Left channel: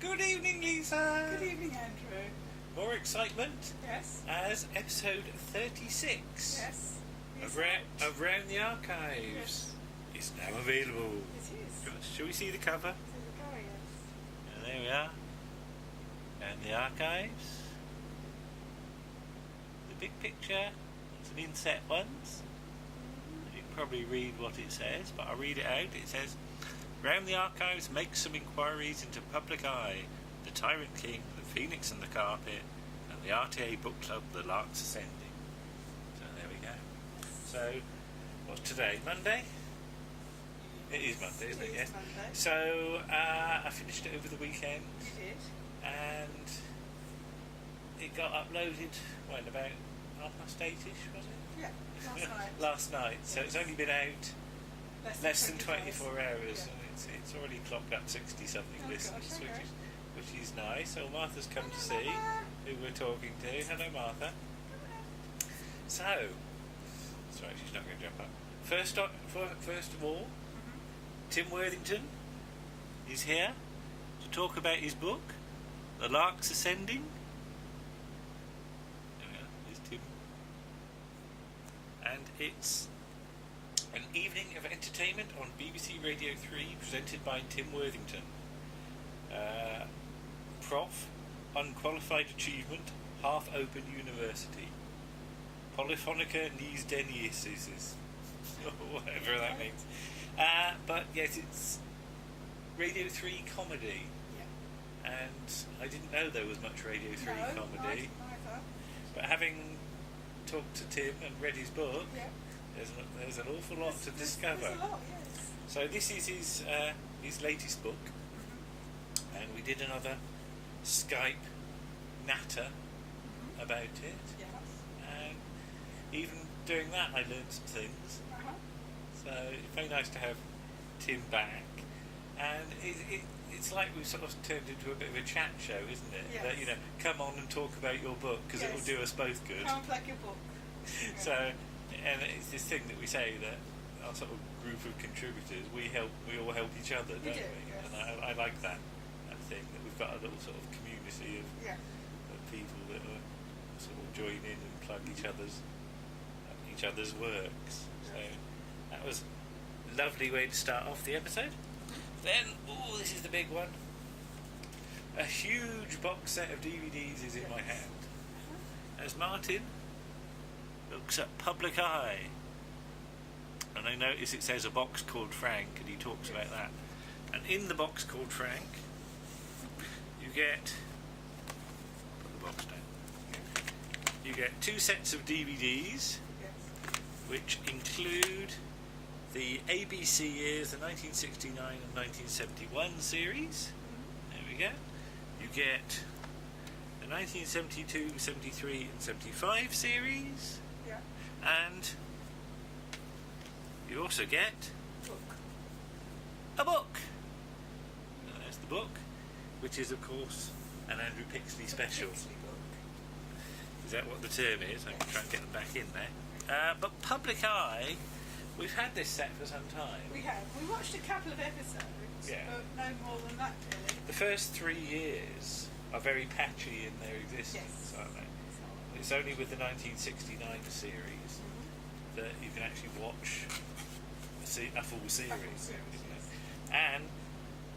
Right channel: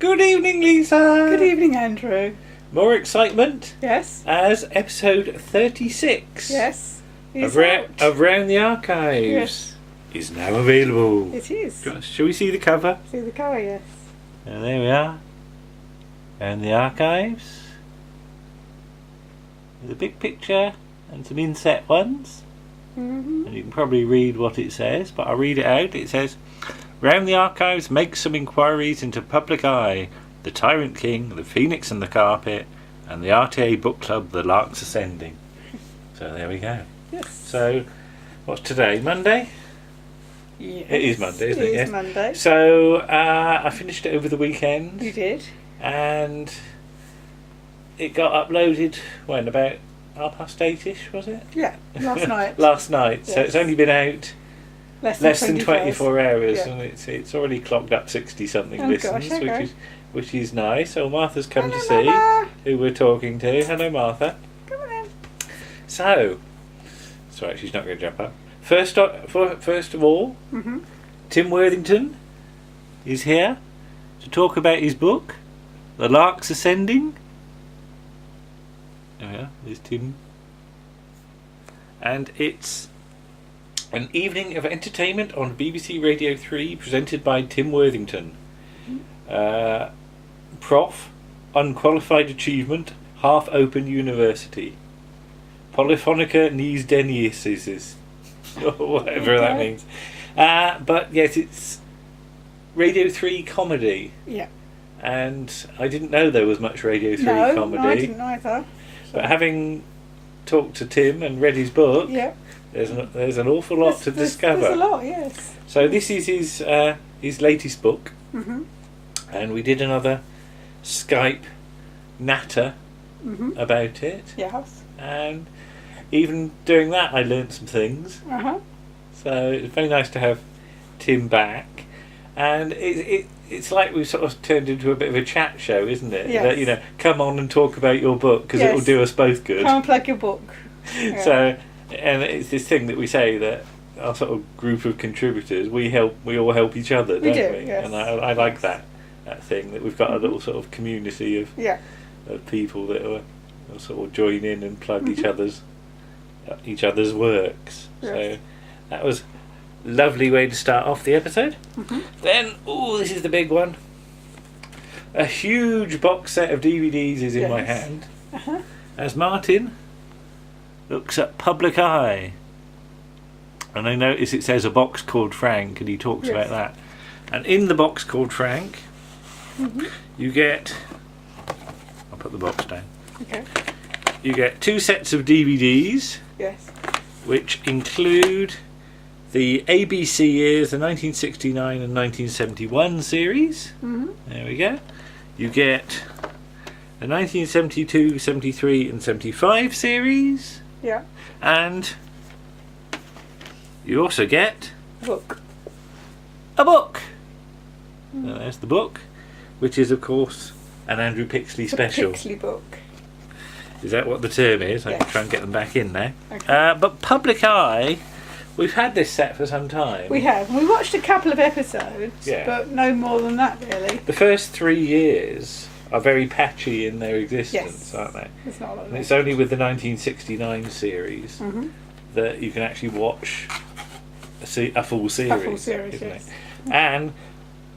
Good evening, Lisa. Good evening, Andrew. More excitement Yes. as episode 36 Yes. of Round the Archives Yes. is now available. It is. Shall we see the cover? See the cover, yes. And there we are. Round the Archives. With a big picture and some inset ones. Mm-hmm. And you can probably read what it says, but I'll read it out. It says, Round the Archives makes some inquiries into Public Eye, the Tyrant King, the Phoenix and the Carpet, and the RTA Book Club, the Larks Ascending. So there we go. Yes. So, what's today? Monday? Yes. It is Monday, isn't it? It is Yes. Monday. So, I finished it over the weekend. You did? And it got uploaded, when, about 8:30ish, was it? Yeah, last night. Last night. So Yes. it's only been out less than 24 hours, Yeah. and it's already clocked up 60-something Oh, listens, gosh, okay. which is nice. So Martha's come Hello, to see Mama. who we're talking to. Hello, Martha. Come on in. So, sorry, she's not going to jump up. First of all, Mm-hmm. Tim Worthington is here to talk about his book, The Larks Ascending. There we are. There's Tim. And it's an evening of entertainment on BBC Radio 3 presented by Tim Worthington. Prof. Unqualified Achievement, Half-Open University. Polyphonica Nies Deniuses. Or whatever that means. But yes, it's Radio 3 comedy. Yeah. And I didn't know there was much Radio 3 comedy. No, I didn't either. But having talked to Tim and read his book, Yeah. there's an awful lot to discover. There's a lot, yes. So this is his latest book, Mm-hmm. and we did another Skype natter Mm-hmm. about it, Yes. and even doing that I learnt some things. Uh-huh. So it's very nice to have Tim back, and it's like we've sort of turned into a bit of a chat show, isn't it? Yes. That, you know, come on and talk about your book because Yes. it will do us both good. Come and plug your book. Yeah. So, and it's this thing that we say that our sort of group of contributors, we all help each other, don't do, we? yes. And I like that thing that we've got a little sort of community of Yeah. people that will sort of join in and plug Mm-hmm. each other's works. Yes. So that was a lovely way to start off the episode. Mm-hmm. Then, this is the big one. A huge box set of DVDs is in my Yes. hand Uh-huh. as Martin looks at Public Eye. And I notice it says a box called Frank, and he talks Yes. about that. And in the box called Frank, Mm-hmm. you get... I'll put the box down. Okay. You get 2 sets of DVDs, Yes. which include the ABC years, the 1969 and 1971 series. Mm-hmm. There we go. You get the 1972, 73 and 75 series. Yeah. And you also get Book. a book. And there's the book, which is, of course, an Andrew Pixley special. The Pixley book. Is that what the term is? I can Yes. try and get them back in now. Okay. But Public Eye, we've had this set for some time. We have. We watched a couple of episodes, Yeah. but no more than that, really. The first 3 years are very patchy in their existence, Yes. aren't they? It's not like And that. it's only with the 1969 series Mm-hmm. that you can actually watch a full series. A full series, isn't yes. it? And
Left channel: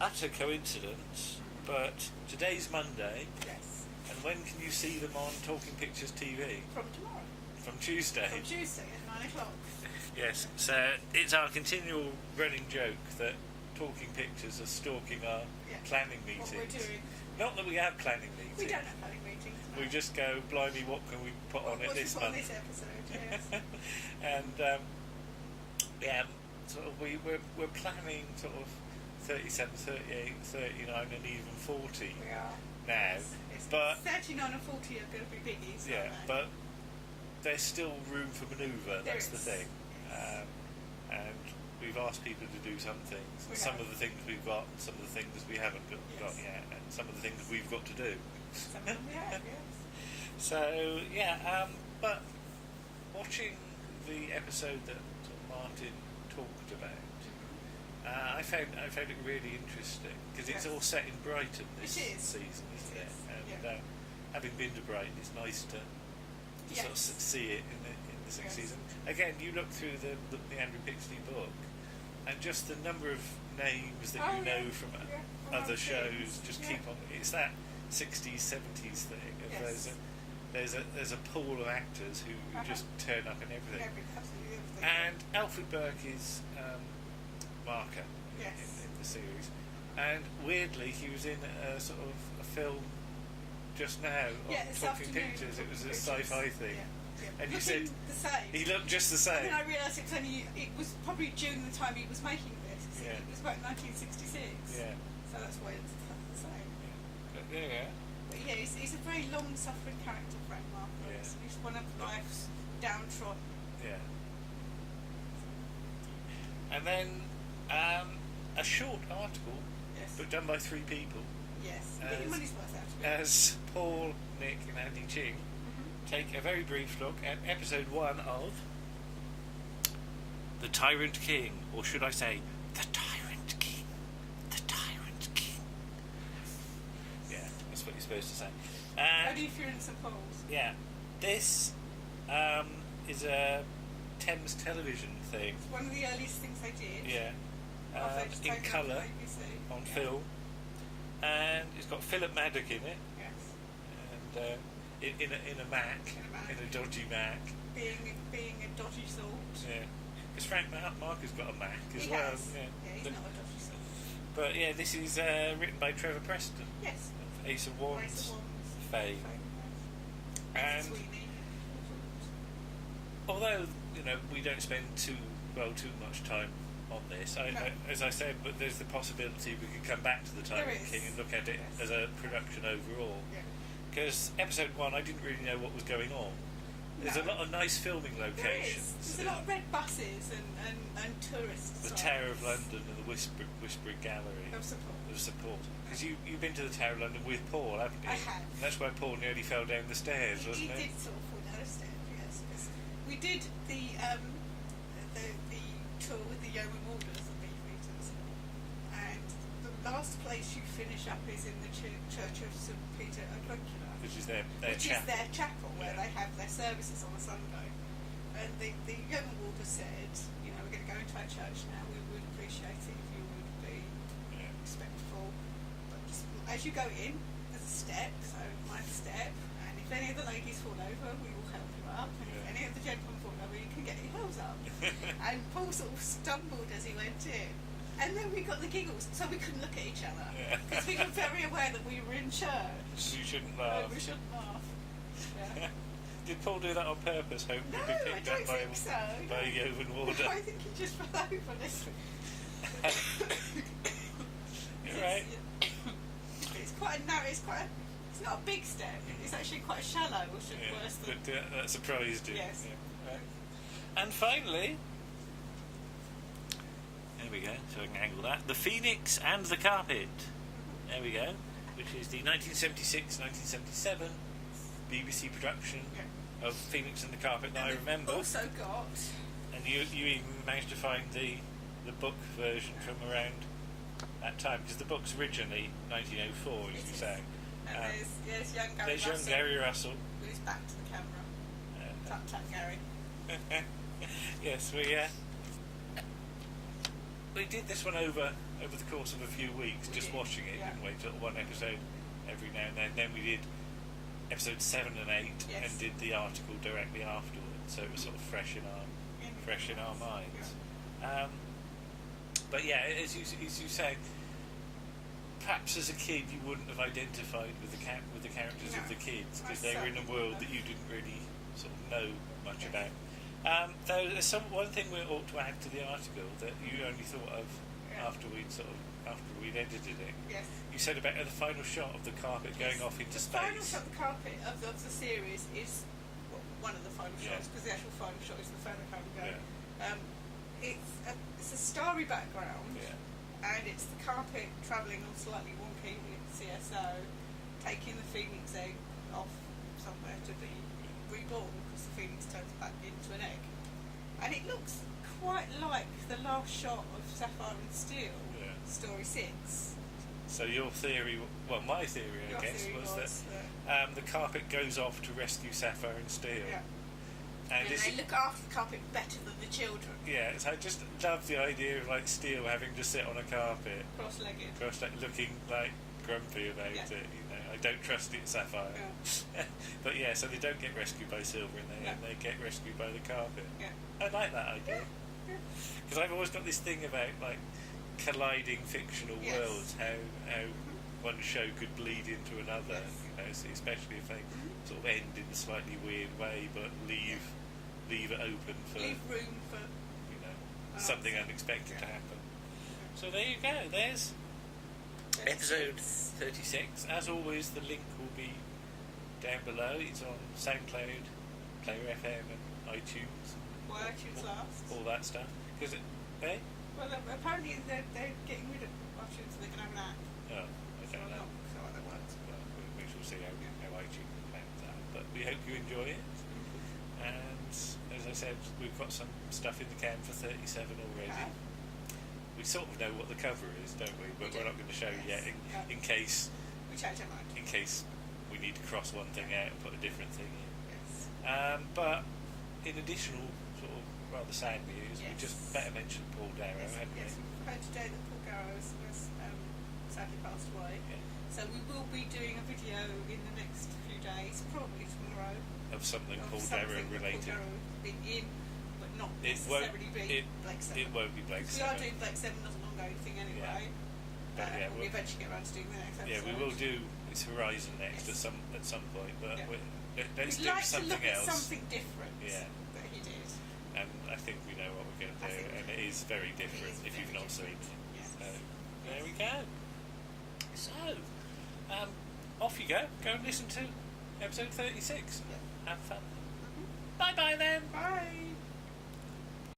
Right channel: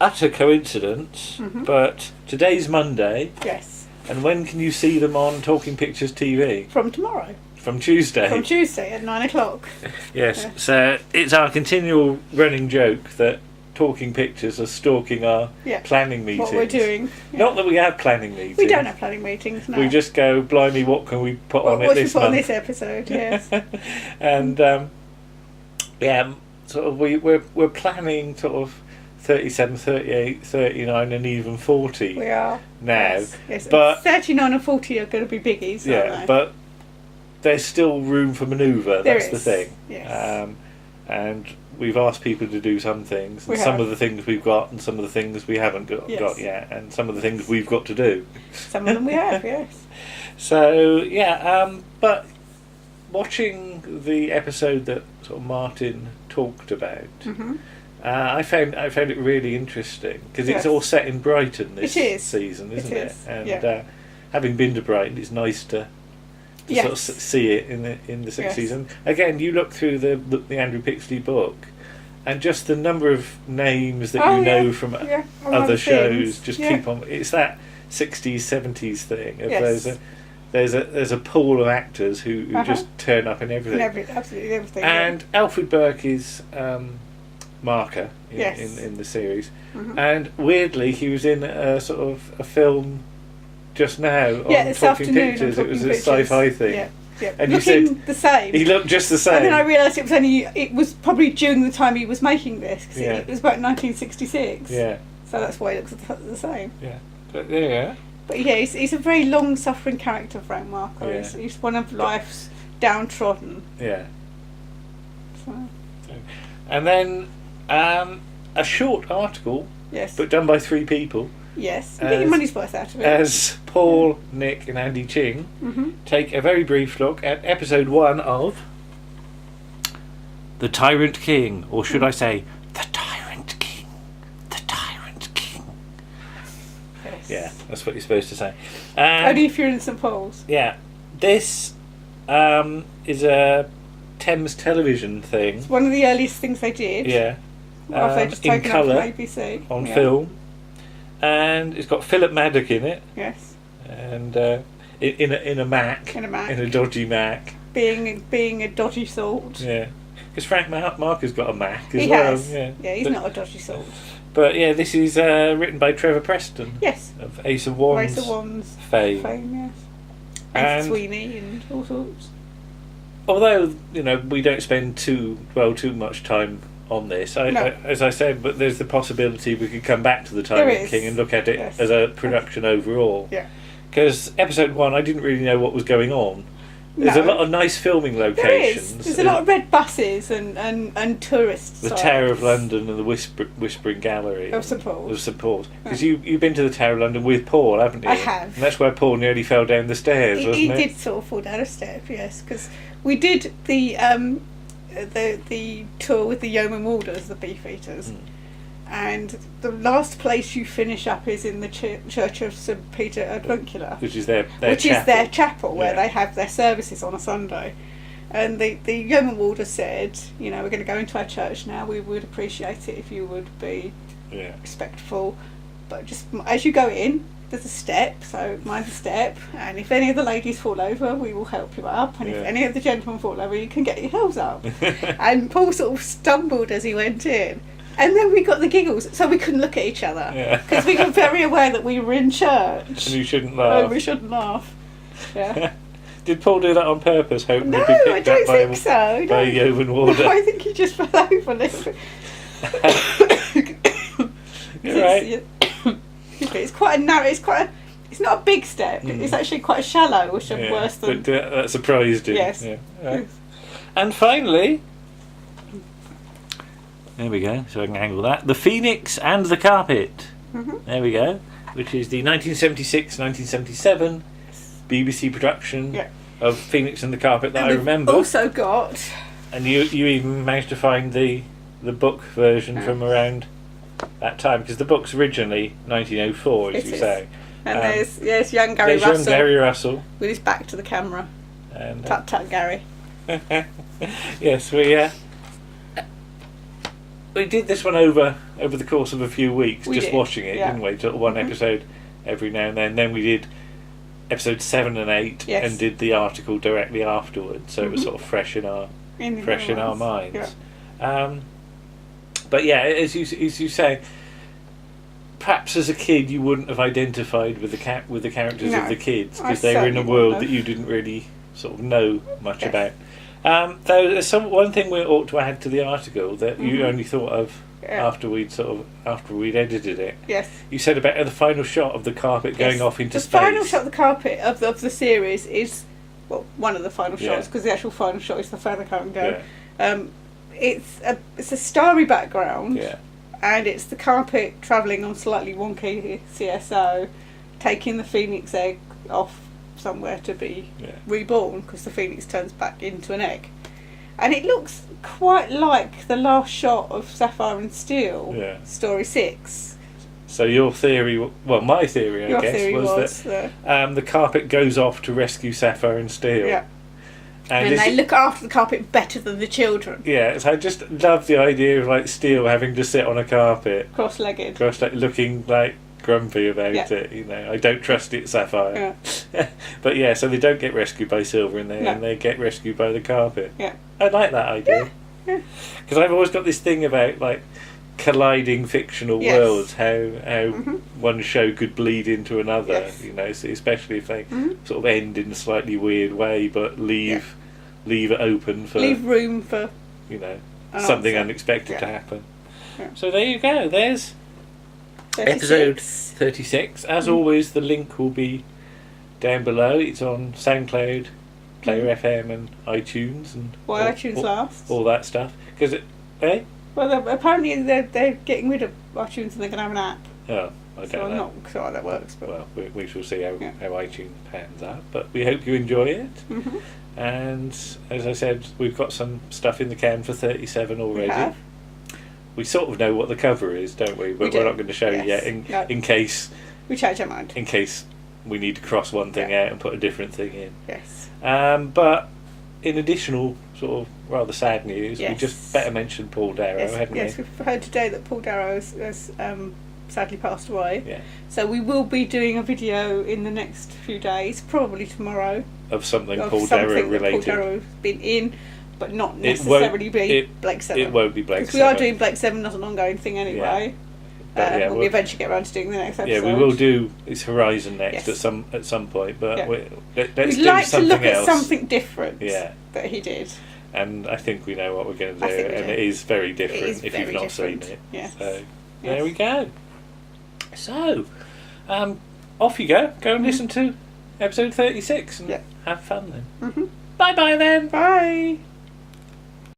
utter coincidence, Mhm. but today's Monday, Yes. and when can you see them on Talking Pictures TV? From tomorrow. From Tuesday. From Tuesday at 9 o'clock. Yes, Yeah. so it's our continual running joke that Talking Pictures are stalking our Yeah. planning meetings. What we're doing. Yeah. Not that we have planning meetings. We don't have planning meetings, no. We just go, blimey, what can we put on it what should we this put on month? this episode, yes. And sort of we're planning sort of 37, 38, 39 and even 40 We are. now. Yes. But 39 and 40 are going to be biggies, yeah, aren't they? but there's still room for manoeuvre. There That's the is, thing. yes. And we've asked people to do some things, and We some have. of the things we've got, and some of the things we haven't got Yes. yet, and some of the things we've got to do. Some of them we have, yes. So yeah, but watching the episode that sort of Martin talked about, Mm-hmm. I found it really interesting because Yes. it's all set in Brighton this It is. season, isn't It it? is, And yeah. having been to Brighton, it's nice to Yes. sort of see it in the sixth Yes. season. Again, you look through the Andrew Pixley book, and just the number of names that Oh, you know yeah. from Yeah, other shows things. just Yeah. keep on. It's that 60s 70s thing. Of Yes. there's a pool of actors who just turn up in everything. Absolutely everything. And Alfred Burke is Marker Yes. in the series, Mhm. and weirdly he was in a sort of a film just now on this Talking afternoon. Pictures. on It was Talking a Pictures. sci-fi thing. Yeah, yeah. And you Looking said the same. He looked just the same. And then I realised it was probably during the time he was making this, because Yeah. it was about 1966. Yeah, So that's why he looks the same. yeah. But there you go. But yeah, he's a very long-suffering character, Frank Marco. Yeah. He's one of life's downtrodden. Yeah. So, And then a short article, yes. but done by 3 people, Yes. You get your as- money's worth out of it. as Paul, Nick, and Andy Ching Mm-hmm. take a very brief look at episode 1 of The Tyrant King, or should I say, The Tyrant King. The Tyrant King. Yes. Yeah, that's what you're supposed to say. Only if you're in St Paul's. Yeah, this is a Thames television thing. It's one of the earliest things they did. Yeah, After they just in taken up from colour ABC. on Yeah. film, and it's got Philip Maddock in it, Yes. and in a Mac, In a Mac. in a dodgy Mac. Being a dodgy sort. Yeah, because Frank Marker's got a Mac as He well. has. Yeah, He's but, not a dodgy sort. But yeah, this is written by Trevor Preston Yes. of Ace of Wands Race of Wands. fame. Yes. And And Sweeney and all sorts. although we don't spend too much time on this, No. as I said, but there's the possibility we could come back to the There Tyrant is. King and look at it Yes. as a production overall. Yeah. Because episode 1, I didn't really know what was going on. There's a No. lot of nice filming There locations. is. There's a lot of red buses and tourists. the Tower of London and the Whispering Gallery Of St Paul's. of St Paul's. Because you've been to the Tower of London with Paul, haven't you? I have. And that's where Paul nearly fell down the stairs, He wasn't it? did sort of fall down a step, yes, because we did the tour with the Yeoman Warders, the Beefeaters, and the last place you finish up is in the Church of St Peter Advuncular, Which is their which chapel. is their chapel where Yeah. they have their services on a Sunday. And the Yeoman Warder said, we're going to go into our church now. We would appreciate it if you would be Yeah. respectful, but just as you go in, there's a step, so mind the step, and if any of the ladies fall over, we will help you up, and Yeah. if any of the gentlemen fall over, you can get your heels up. And Paul sort of stumbled as he went in, and then we got the giggles, so we couldn't look at each other, Yeah. because we were very aware that we were in church. And you shouldn't Oh, laugh. we shouldn't laugh. Yeah. Did Paul do that on purpose, hoping No, to be I picked don't up by, think so. by a No. Yeoman Warder? No, I think he just fell over a little bit. You're right. It's quite a narrow. It's not a big step. It's actually quite a shallow, which is Yeah, worse than. but that surprised him. Yes. Yeah. Right. And finally, there we go. So I can angle that. The Phoenix and the Carpet. Mhm. There we go. Which is the 1976-1977 BBC production Yeah. of Phoenix and the Carpet that And I we've remember. also got. And you even managed to find the book version from around that time, because the book's originally 1904, as It you is. say. And there's young Gary There's young Russell Gary Russell. with his back to the camera. And, Tut tut, Gary. yes, we did this one over the course of a few weeks, We just did, watching it, yeah. didn't we? Sort of one episode every now and then. Then we did episodes 7 and 8, Yes. and did the article directly afterwards, so it was Mhm. sort of fresh in our Minds. minds. But yeah, as you say, perhaps as a kid you wouldn't have identified with the characters No, of the kids, I because they were in a certainly world wouldn't that have. you didn't really sort of know much Yes. about. Though there's one thing we ought to add to the article that you Mhm. only thought of Yeah. after we'd edited it. Yes. You said about the final shot of the carpet going Yes. off into the space. final shot of the carpet of the series is, well, one of the final Yeah. shots, because the actual final shot is the feather come and go. Yeah. It's a starry background, Yeah. and it's the carpet travelling on slightly wonky CSO, taking the phoenix egg off somewhere to be Yeah. reborn, because the phoenix turns back into an egg. And it looks quite like the last shot of Sapphire and Steel, Yeah. story 6. So your theory, well, my theory, Your I guess, theory was that the carpet goes off to rescue Sapphire and Steel. Yeah. And And they look after the carpet better than the children. Yeah, so I just love the idea of like Steel having to sit on a carpet, Cross-legged. looking like grumpy about Yeah. it. You know, I don't trust it, Sapphire. Yeah. But yeah, so they don't get rescued by Silver in there, No. and they get rescued by the carpet. Yeah. I like that idea. Yeah. Because I've always got this thing about like colliding fictional Yes. worlds, how one show could bleed into another. Yes. You know, so especially if they Mhm. sort of end in a slightly weird way, but leave it open for Leave room for you know an something answer. unexpected Yeah. to happen. Yeah. So there you go. There's 36. episode 36. As always, the link will be down below. It's on SoundCloud, Player FM, and iTunes, and Why iTunes last? all that stuff. Because Well, apparently they're getting rid of iTunes and they're going to have an app. oh, I So don't I'm know. not sure how that works. But Well, we shall see how, Yeah. how iTunes pans out. But we hope you enjoy it. Mhm. And as I said, we've got some stuff in the can for 37 already. We have. We sort of know what the cover is, don't we? But We we're do. not going to show you Yes. yet No. in case We change our mind. we need to cross one thing Yeah. out and put a different thing in. Yes. But in additional sort of rather sad news, we Yes. just better mention Paul Darrow, Yes, hadn't yes, we? we've heard today that Paul Darrow has sadly passed away. Yeah. So we will be doing a video in the next few days, probably tomorrow, Of something of Paul something Darrow that Paul related. Darrow has been in, but not It won't- necessarily be it- Blake 7. It won't be Blake Because we are 7. doing Blake 7 as an ongoing thing anyway. But yeah, when we we'll- eventually get around to doing the next episode. Yeah, we will do It's Horizon next Yes. at some point, but Yeah. let's We'd do like to something look else. at something different Yeah. that he did. And I think we know what we're going to I do, think we and do. it is very different is if very you've not different. seen it. Yes. So Yes. there we go. So off you go. Go and listen to episode 36 and Yeah. have fun then. Mm-hmm. Bye bye then. Bye.